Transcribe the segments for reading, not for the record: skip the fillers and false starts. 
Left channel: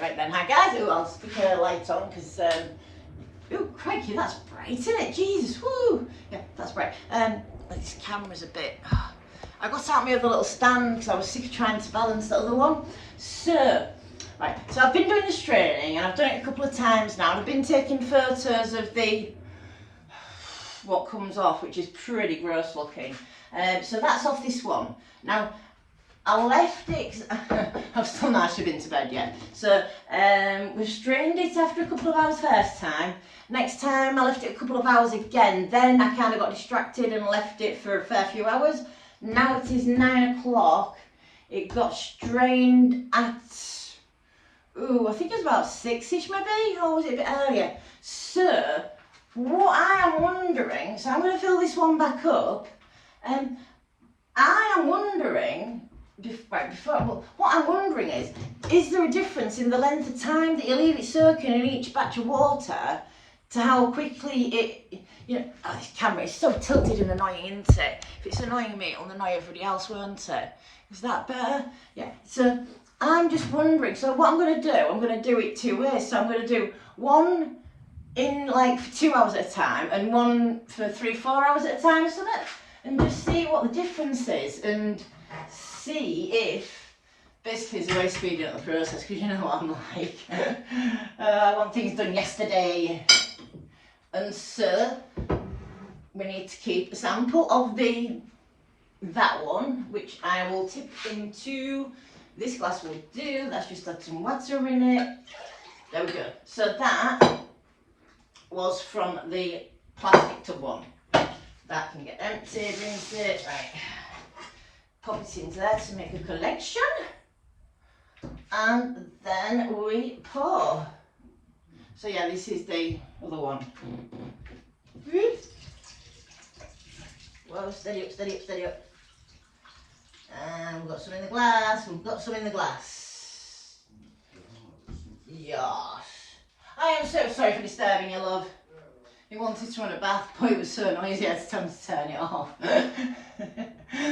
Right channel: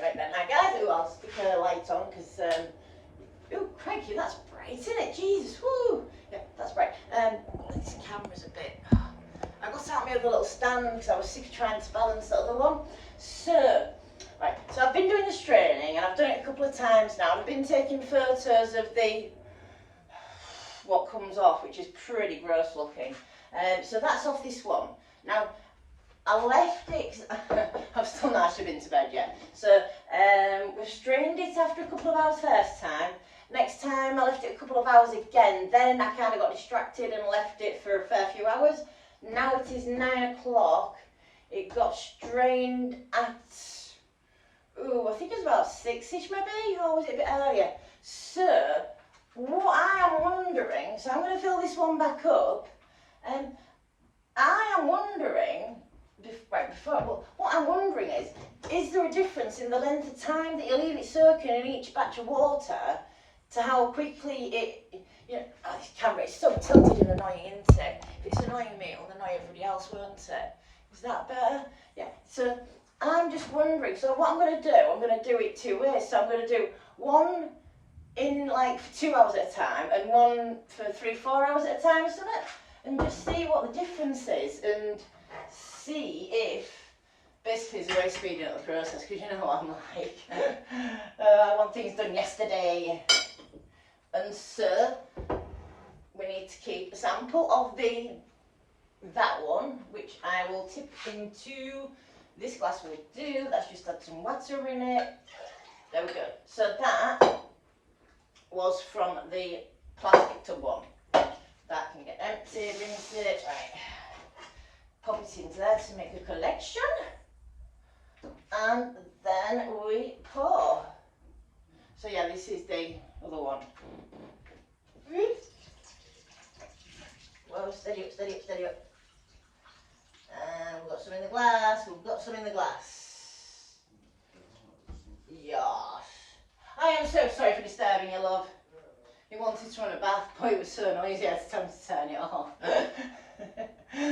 Right then, hi guys. I'll stick the lights on because, oh crikey, that's bright, isn't it? Jesus, woo! Yeah, that's bright. This camera's a bit... I got out my other little stand because I was sick of trying to balance the other one. So, right, so I've been doing this training and I've done it a couple of times now. And I've been taking photos of what comes off, which is pretty gross looking. So that's off this one. Now, I left it, I've still not actually been to bed yet. So, we strained it after a couple of hours first time. Next time I left it a couple of hours again. Then I kind of got distracted and left it for a fair few hours. Now it is 9 o'clock. It got strained at, I think it was about 6ish maybe, or was it a bit earlier? So, what I am wondering, so I'm going to fill this one back up. I am wondering, what I'm wondering is there a difference in the length of time that you leave it soaking in each batch of water to how quickly this camera is so tilted and annoying, isn't it? If it's annoying me, it'll annoy everybody else, won't it? Is that better? Yeah, so I'm just wondering, so what I'm going to do it 2 ways. So I'm going to do one in like for 2 hours at a time and one for 3-4 hours at a time or something, and just see what the difference is and see if basically it's a way of speeding up the process, because you know what I'm like. I want things done yesterday, and so we need to keep a sample of that one, which I will tip into this glass. Will do. Let's just add some water in it. There we go. So that was from the plastic tub one. That can get empty, rinse it, right. Pop it into there to make a collection. And then we pour. So yeah, this is the other one. Whoa, steady up, steady up, steady up. And we've got some in the glass, we've got some in the glass. Yes. I am so sorry for disturbing you, love. He wanted to run a bath, but it was so noisy I had to tell him to turn it off.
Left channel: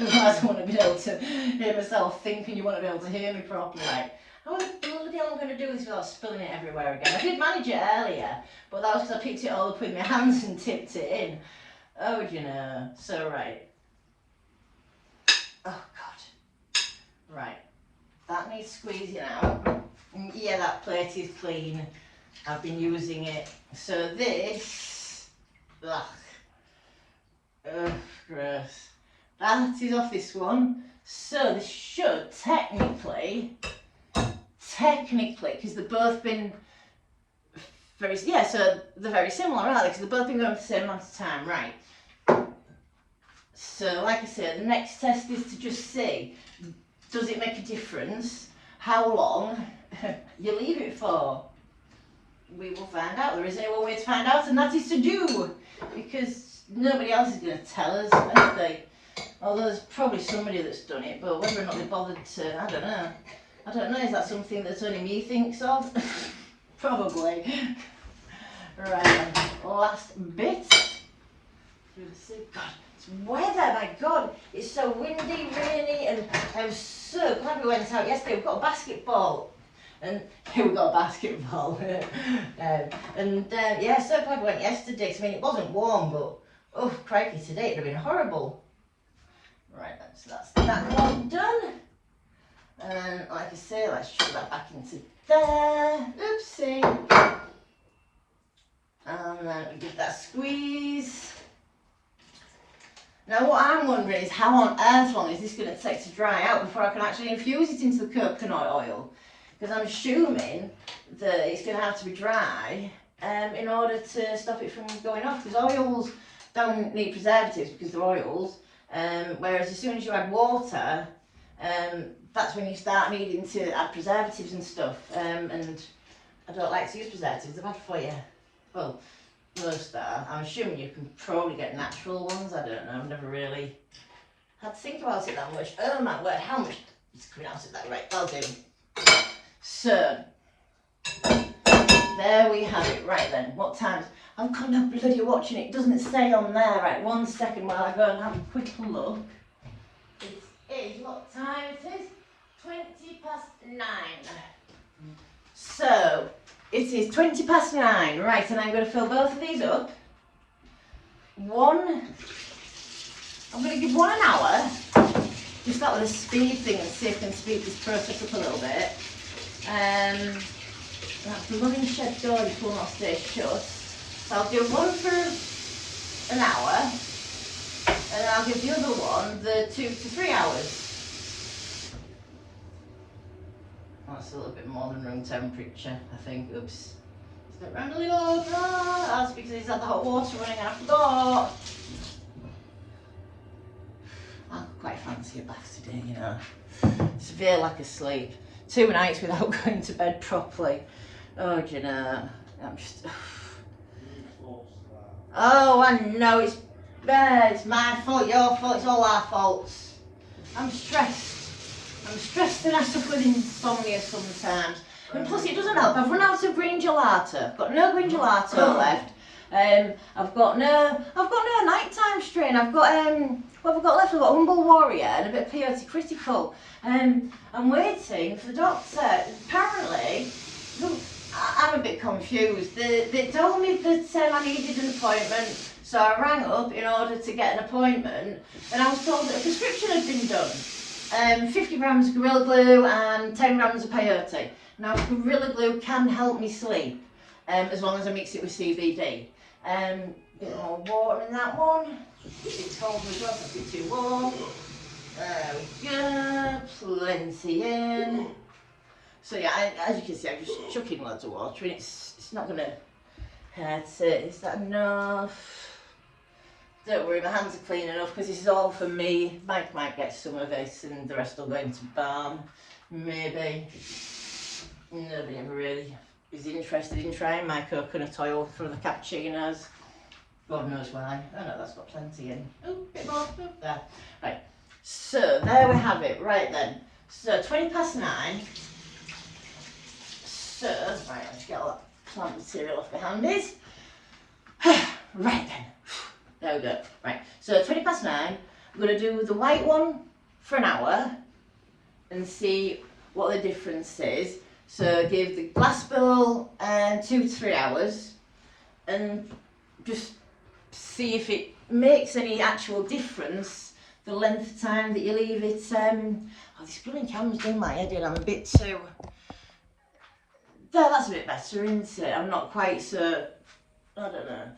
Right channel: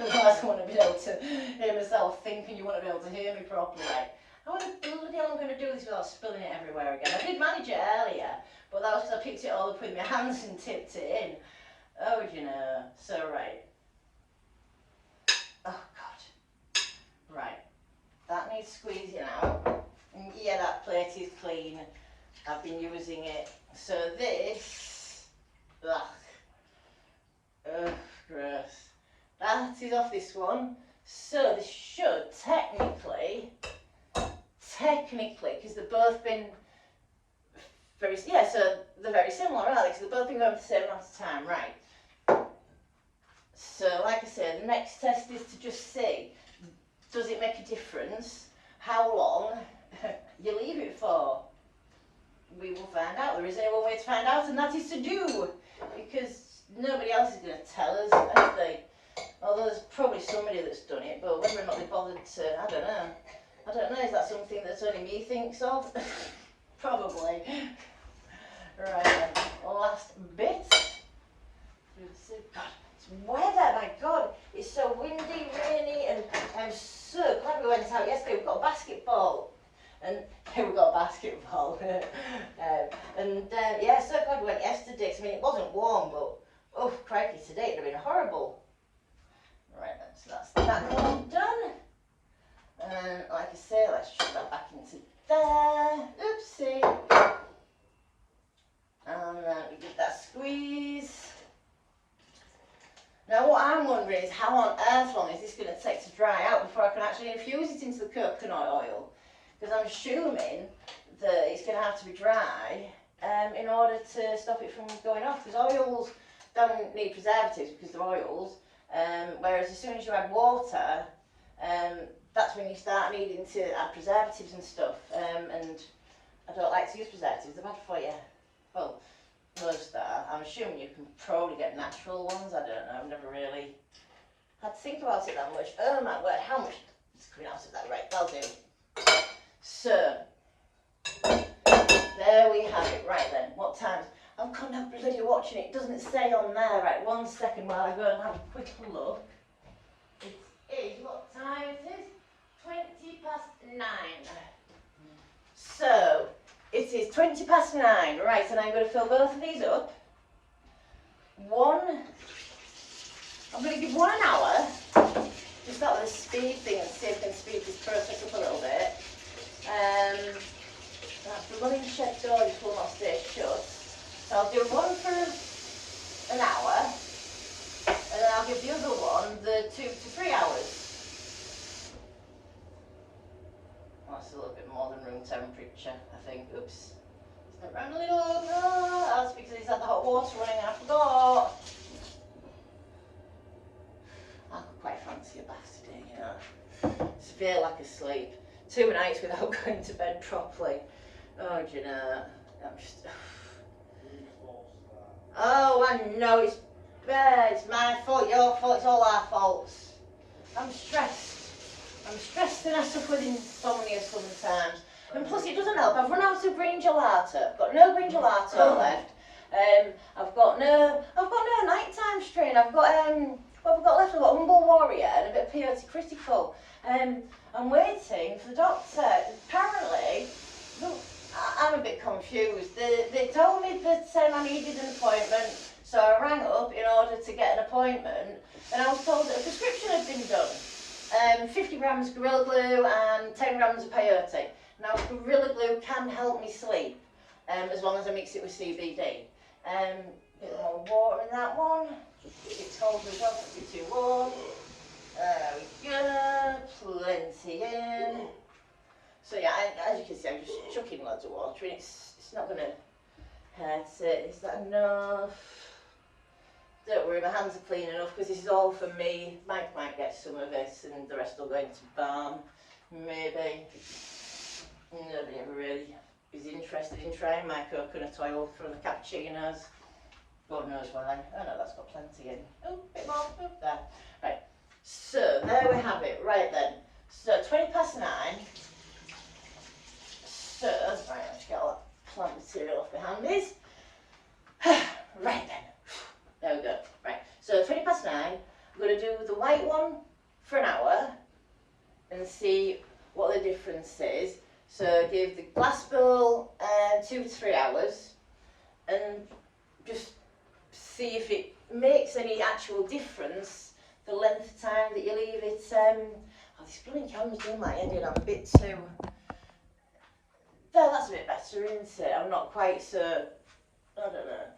Otherwise I wouldn't be able to hear myself think, and you wouldn't be able to hear me properly. How bloody hell am I going to do this without spilling it everywhere again? I did manage it earlier, but that was because I picked it all up with my hands and tipped it in. Oh, you know, so right. Oh God. Right, that needs squeezing out. Yeah, that plate is clean. I've been using it. So this, gross. That is off this one. So this should technically, because they've both been so they're very similar, aren't they? Because they've both been going for the same amount of time, right? So, like I said, the next test is to just see, does it make a difference how long you leave it for? We will find out. There is only one way to find out, and that is to do, because nobody else is going to tell us, are they? Although there's probably somebody that's done it, but whether or not they bothered to, I don't know. I don't know, is that something that only me thinks of? Probably. Right then, last bit. God, it's weather, my God. It's so windy, rainy, and I'm so glad we went out yesterday. We've got a basketball. And here we got a basketball. Yeah, so glad we went yesterday, because I mean, it wasn't warm, but oh, crikey, today it would have been horrible. Right then, so that's that one done. And like I say, let's shove that back into there. Oopsie. And then we give that a squeeze. Now what I'm wondering is how on earth long is this going to take to dry out before I can actually infuse it into the coconut oil? Because I'm assuming that it's going to have to be dry in order to stop it from going off. Because oils don't need preservatives because they're oils. Whereas as soon as you add water, that's when you start needing to add preservatives and stuff. And I don't like to use preservatives, they're bad for you. Well, most are. I'm assuming you can probably get natural ones. I don't know, I've never really had to think about it that much. Oh my word, how much is coming out of that? Right, that'll do. So, there we have it. Right then, what time? I'm kind of bloody watching it. It doesn't say on there. Right, 1 second while I go and have a quick look. It is what time it is? 20 past 9. It is 20 past 9, right, and I'm going to fill both of these up. I'm going to give one an hour, just out with a speed thing and see if I can speed this process up a little bit. That blooming shed door just will not stay shut. So I'll give one for an hour, and then I'll give the other one the 2 to 3 hours. That's a little bit more than room temperature, I think. Oops. Step round a little. Oh, that's because he's had the hot water running and I forgot. I quite fancy a bath today, you know. Severe lack of sleep. 2 nights without going to bed properly. Oh, do you know, I'm just... Oh, I know, it's my fault, your fault, it's all our faults. I'm stressed and I suffer with insomnia sometimes. And plus it doesn't help, I've run out of green gelato. I've got no green gelato left. I've got no nighttime strain. I've got, what have I got left? I've got Humble Warrior and a bit of Peyote Critical. I'm waiting for the doctor. Apparently, I'm a bit confused. They told me that I needed an appointment, so I rang up in order to get an appointment, and I was told that a prescription had been done. 50 grams of Gorilla Glue and 10 grams of peyote. Now, Gorilla Glue can help me sleep, as long as I mix it with CBD. A bit more water in that one. It's cold as well, so a bit too warm. There we go, plenty in. So yeah, as you can see, I'm just chucking loads of water and it's not going to hurt it. Is that enough? Don't worry, my hands are clean enough because this is all for me. Mike might get some of it and the rest will go into balm. Maybe. Nobody ever really is interested in trying my coconut oil for the cappuccinos. God knows why. Oh no, that's got plenty in. Oh, a bit more. Oh, there. Right. So, there we have it. Right then. So, 20 past 9. So, right, let's get all that plant material off my handies. Right then. There we go. Right, so 20 past 9, I'm going to do the white one for an hour and see what the difference is. So give the glass bowl 2 to 3 hours and just see if it makes any actual difference, the length of time that you leave it. Oh, this blooming camera's doing my head in, I'm a bit too... There, that's a bit better, isn't it? I'm not quite so... I don't know.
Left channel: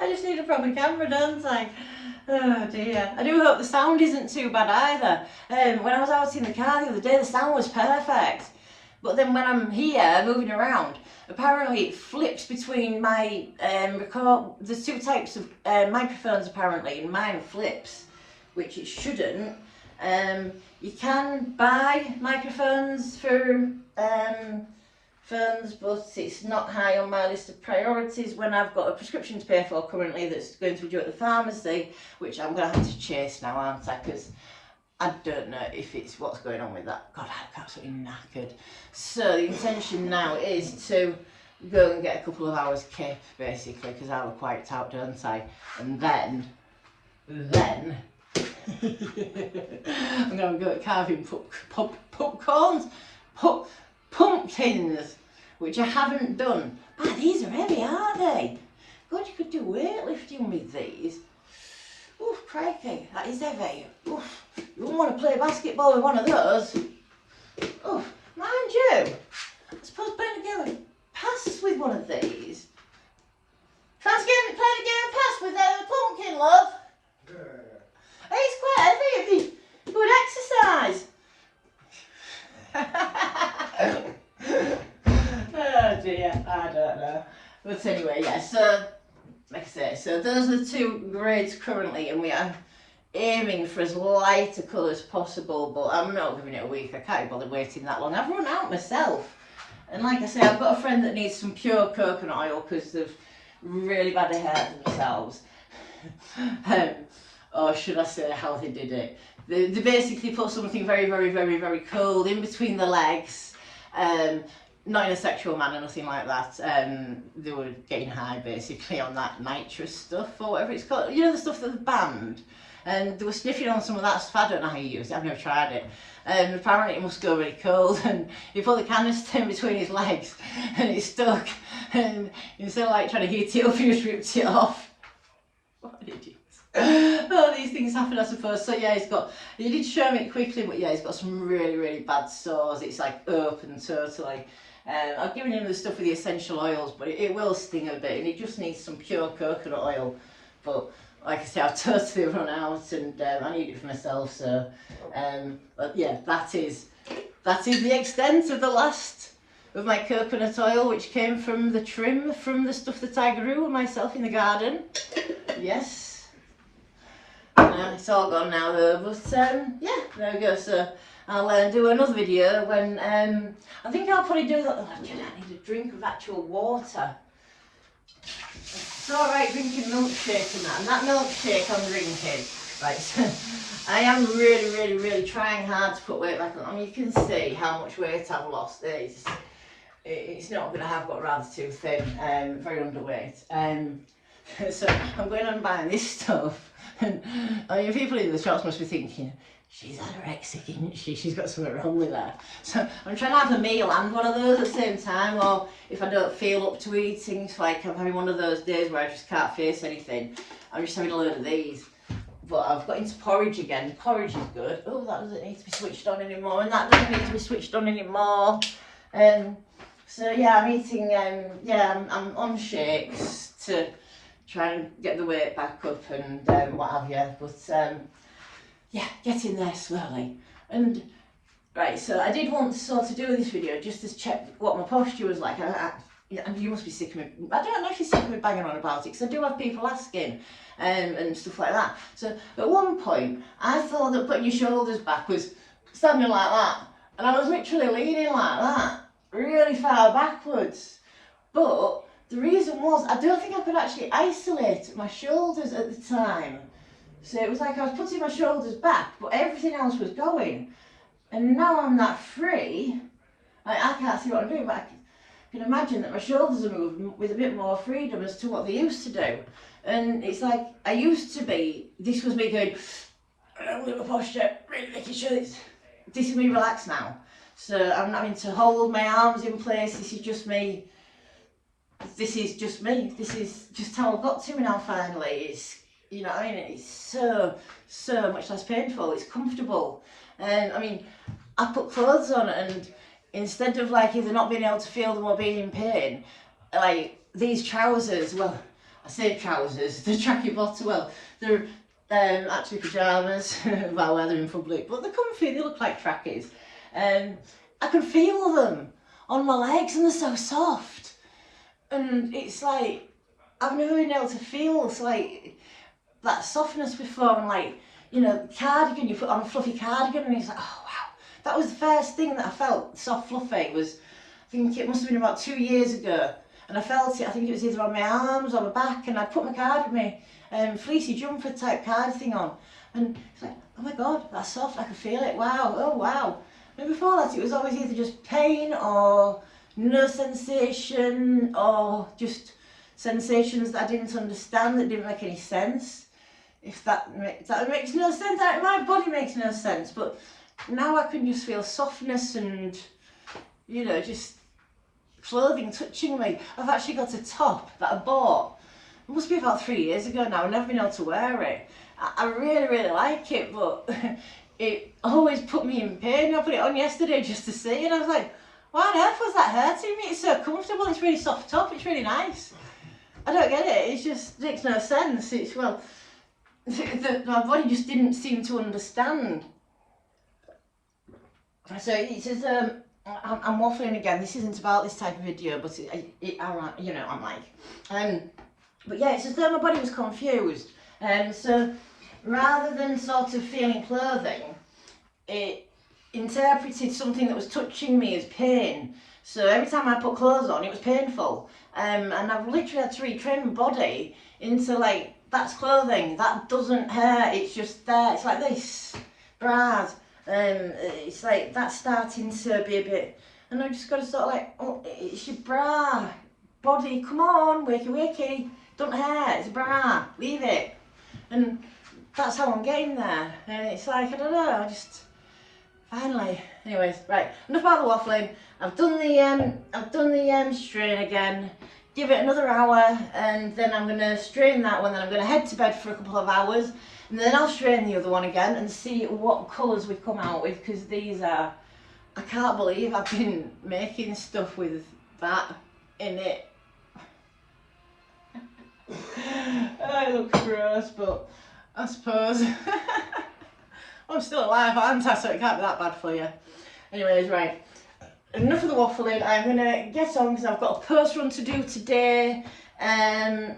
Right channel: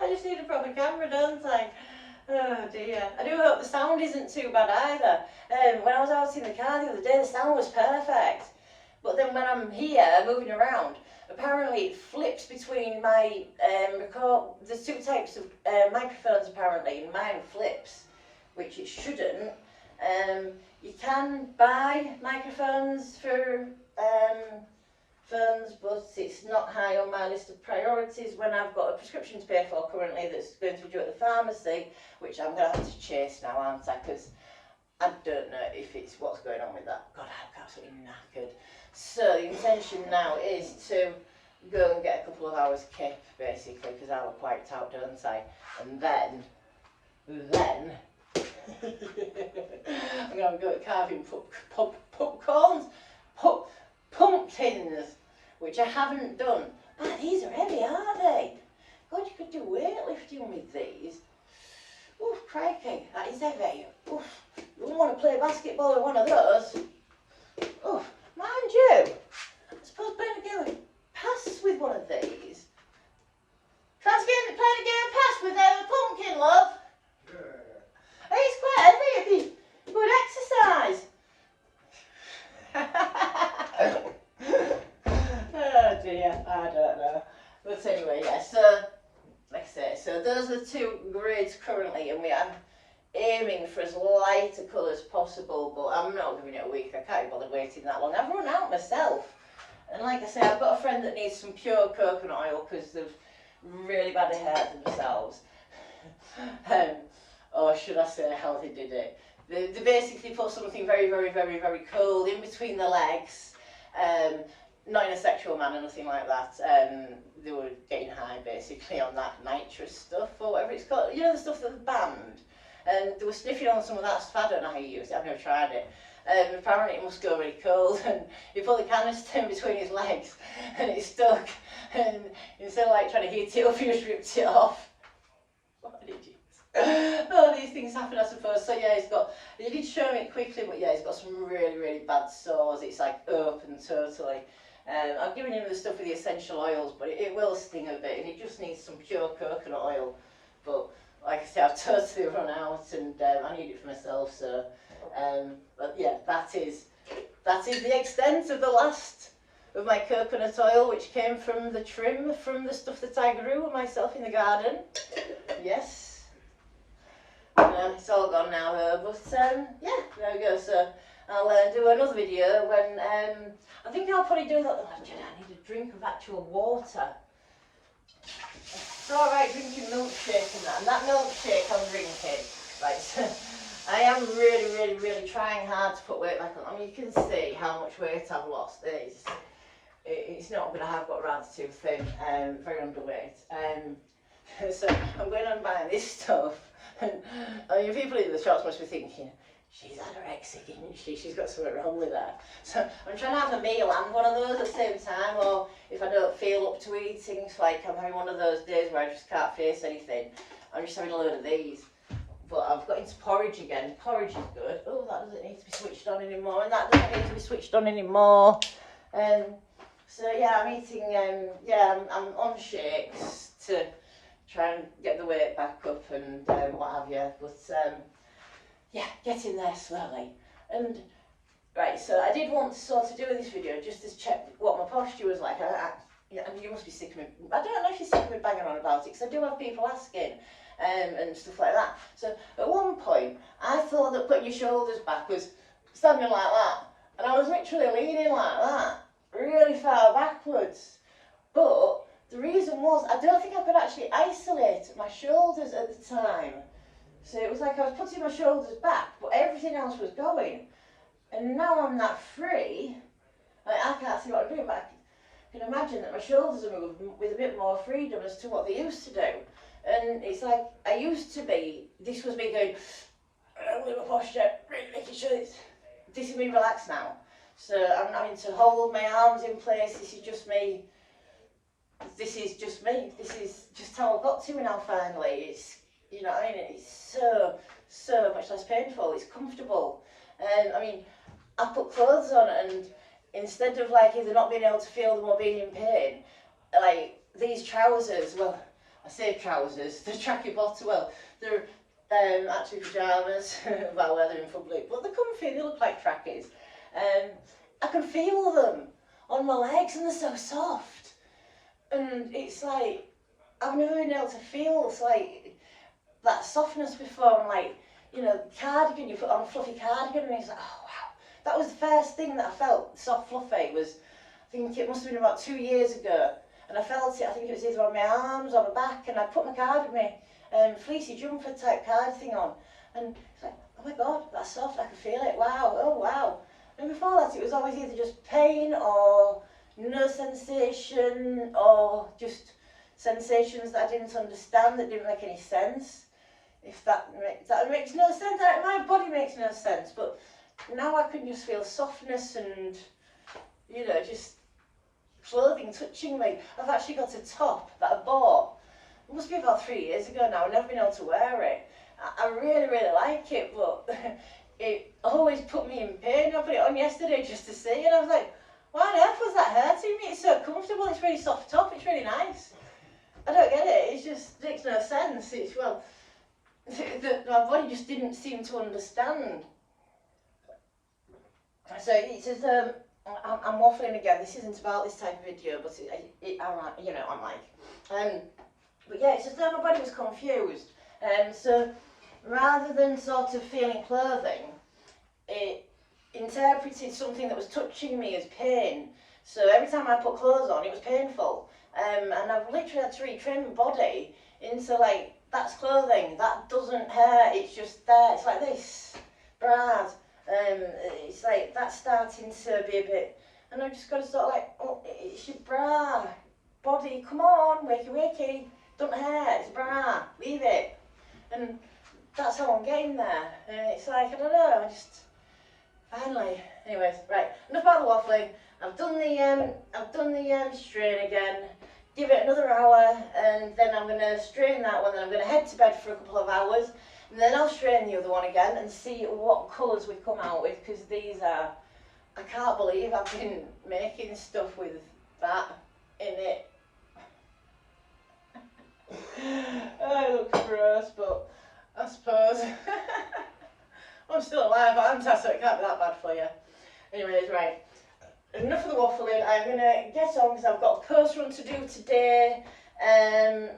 I just need a proper camera, don't I? Oh dear. I do hope the sound isn't too bad either. When I was out in the car the other day, the sound was perfect. But then when I'm here, moving around, apparently it flips between my there's 2 types of microphones apparently, and mine flips, which it shouldn't. You can buy microphones for phones, but it's not high on my list of priorities when I've got a prescription to pay for currently that's going to be due at the pharmacy, which I'm going to have to chase now, aren't I? Because I don't know if it's what's going on with that. God, I'm absolutely knackered. So the intention now is to go and get a couple of hours kip, basically, because I look quite out, don't I? And then I'm going to go at carving pumpkins, which I haven't done. Ah, these are heavy, aren't they? God, you could do weightlifting with these. Oof, crikey, that is heavy. Oof, you wouldn't want to play basketball with one of those. Oof, mind you, I suppose playing a game of pass with one of these. Try to play the game of pass with the pumpkin, love. It's quite heavy, it'd be good exercise. Oh dear, I don't know. But anyway, yeah, so, like I say, so those are the 2 grades currently, and we are aiming for as light a colour as possible, but I'm not giving it a week. I can't be bothered waiting that long. I've run out myself. And like I say, I've got a friend that needs some pure coconut oil because they've really bad hair themselves. Or should I say how they did it? They basically put something very, very, very, very cold in between the legs. Not in a sexual manner, nothing like that. They were getting high basically on that nitrous stuff or whatever it's called. You know, the stuff that's banned. and they were sniffing on some of that stuff. I don't know how you use it, I've never tried it. Apparently it must go really cold, and he put the canister in between his legs and it stuck, and instead of like trying to heat it up, he just ripped it off. What an idiot. Oh, these things happen, I suppose. So yeah, he did show me it quickly, but yeah, he's got some really, really bad sores. It's like open totally. I've given him the stuff with the essential oils, but it will sting a bit, and it just needs some pure coconut oil. But like I say, I've totally run out, and I need it for myself. So but yeah, that is the extent of the last of my coconut oil, which came from the trim from the stuff that I grew myself in the garden. Yes. It's all gone now though, but yeah, there we go. So I'll do another video when I think I'll probably do that. Oh, I need a drink of actual water. It's alright drinking milkshake and that milkshake I'm drinking, right, so I am really trying hard to put weight back on. I mean, you can see how much weight I've lost. It's not that I have got rather too thin, very underweight. So I'm going on buying this stuff. And I mean, people in the shops must be thinking, she's anorexic, isn't she? She's got something wrong with her. So I'm trying to have a meal and one of those at the same time, or if I don't feel up to eating, it's like I'm having one of those days where I just can't face anything, I'm just having a load of these. But I've got into porridge again. Porridge is good. Oh, that doesn't need to be switched on anymore, and that doesn't need to be switched on anymore. So yeah, I'm eating, I'm on shakes to try and get the weight back up and what have you, but yeah, getting there slowly. And right, so I did want to sort of do this video just to check what my posture was like. You must be sick of me. I don't know if you're sick of me banging on about it, because I do have people asking and stuff like that. So at one point, I thought that putting your shoulders back was standing like that, and I was literally leaning like that, really far backwards. But the reason was, I don't think I could actually isolate my shoulders at the time. So it was like I was putting my shoulders back, but everything else was going. And now I'm that free, I can't see what I'm doing, but I can imagine that my shoulders are moving with a bit more freedom as to what they used to do. And it's like, I used to be, this was me going, with my posture, really making sure this is me relaxed now. So I'm not having to hold my arms in place, this is just me. This is just me. This is just how I've got to me now finally. It's, you know what I mean, it's so much less painful. It's comfortable. I mean, I put clothes on, and instead of like either not being able to feel them or being in pain, like these trousers, well, I say trousers, the tracky bottom, well, they're actually pyjamas, well, whether in public, but they're comfy, they look like trackies. I can feel them on my legs, and they're so soft. And it's like, I've never been able to feel like that softness before. I'm like, you know, cardigan, you put on a fluffy cardigan, and it's like, oh wow. That was the first thing that I felt soft fluffy, was, I think it must have been about 2 years ago. And I felt it, I think it was either on my arms or my back, and I put my fleecy jumper type card thing on. And it's like, oh my God, that's soft, I can feel it, wow, oh wow. And before that, it was always either just pain or no sensation, or just sensations that I didn't understand, that didn't make any sense. If that makes no sense, my body makes no sense, but now I can just feel softness and, you know, just clothing touching me. I've actually got a top that I bought, it must be about 3 years ago now, I've never been able to wear it. I really like it, but it always put me in pain. I put it on yesterday just to see, and I was like, why on earth was that hurting me? It's so comfortable, it's really soft top, it's really nice. I don't get it, it just makes no sense. It's, well, my body just didn't seem to understand. So it says, I'm waffling again, this isn't about this type of video, but I'm like, but yeah, it's as though my body was confused. So rather than sort of feeling clothing, it interpreted something that was touching me as pain. So every time I put clothes on, it was painful. And I've literally had to retrain my body into like, that's clothing, that doesn't hurt, it's just there, it's like this, bras. It's like, that's starting to be a bit, and I've just got to sort of like, oh, it's your bra, body, come on, wakey wakey, don't hurt, it's a bra, leave it. And that's how I'm getting there. And it's like, I don't know, I just, finally. Anyways, right, enough about the waffling. I've done the strain again. Give it another hour, and then I'm going to strain that one, then I'm going to head to bed for a couple of hours, and then I'll strain the other one again and see what colours we come out with, because these are, I can't believe I've been making stuff with that in it. It looks gross, but I suppose I'm still alive, aren't I? So it can't be that bad for you. Anyways, right. Enough of the waffling. I'm going to get on because I've got a post run to do today.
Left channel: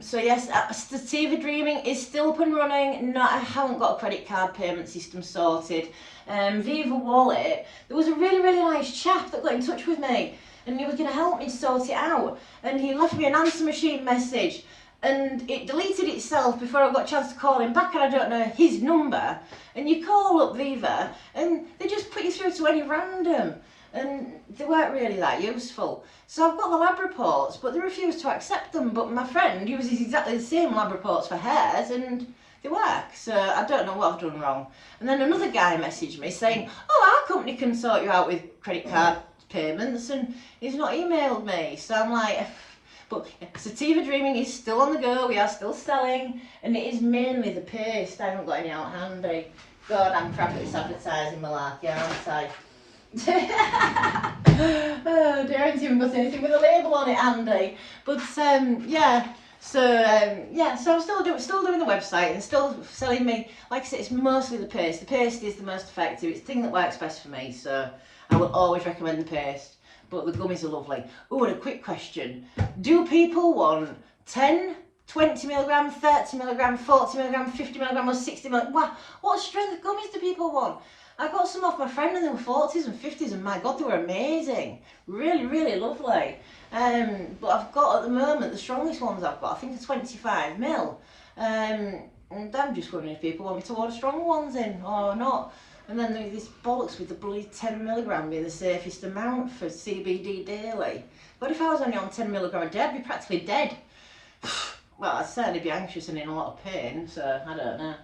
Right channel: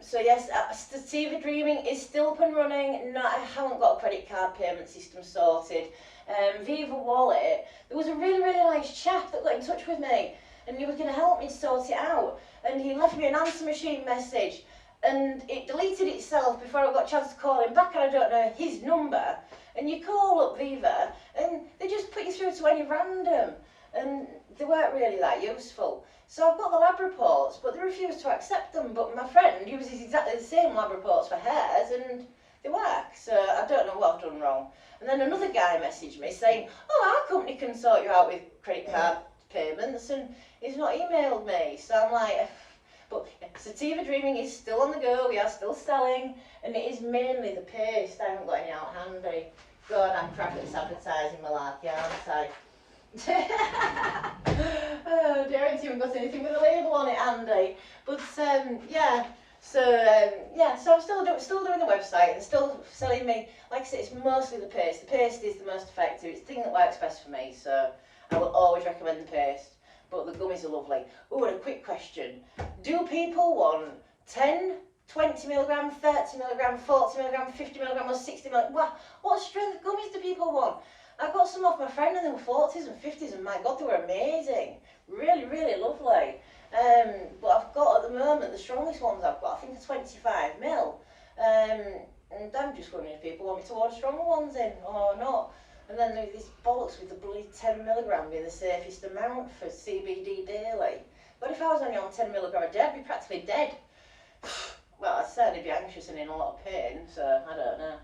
So yes, Sativa Dreaming is still up and running. No, I haven't got a credit card payment system sorted. Viva Wallet, there was a really nice chap that got in touch with me, and he was going to help me sort it out. And he left me an answer machine message, and it deleted itself before I got a chance to call him back, and I don't know his number. And you call up Viva, and they just put you through to any random. And they weren't really that useful. So I've got the lab reports, but they refuse to accept them. But my friend uses exactly the same lab reports for hers, and they work. So I don't know what I've done wrong. And then another guy messaged me saying, oh, our company can sort you out with credit card payments, and he's not emailed me. So I'm like, but Sativa Dreaming is still on the go. We are still selling, and it is mainly the paste. I haven't got any out handy. God, I'm frantic advertising malarkey, aren't I? Oh dear, I didn't put anything with a label on it, Andy. But yeah, so so I'm still doing the website and still selling me. Like I said, it's mostly the paste. The paste is the most effective. It's the thing that works best for me. So I will always recommend the paste. But the gummies are lovely. Oh, and a quick question: do people want 10, 20 milligram, 30 milligram, 40 milligram, 50 milligram, or 60 milligram? What strength of gummies do people want? I got some off my friend, and they were 40s and 50s, and my God, they were amazing. Really lovely. But I've got at the moment, the strongest ones I've got, I think are 25 mil. And I'm just wondering if people want me to order stronger ones in or not. And then there's this bollocks with the bloody 10 milligram being the safest amount for CBD daily. What if I was only on 10 milligram a day? I'd be practically dead. Well, I'd certainly be anxious and in a lot of pain, so I don't know.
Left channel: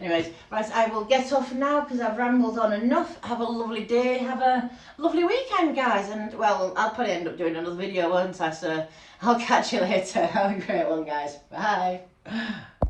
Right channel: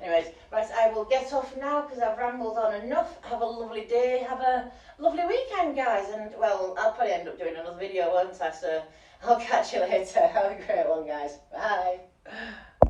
Anyways, right, I will get off now because I've rambled on enough. Have a lovely day, have a lovely weekend, guys. And, well, I'll probably end up doing another video, won't I? So I'll catch you later. Have a great one, guys. Bye.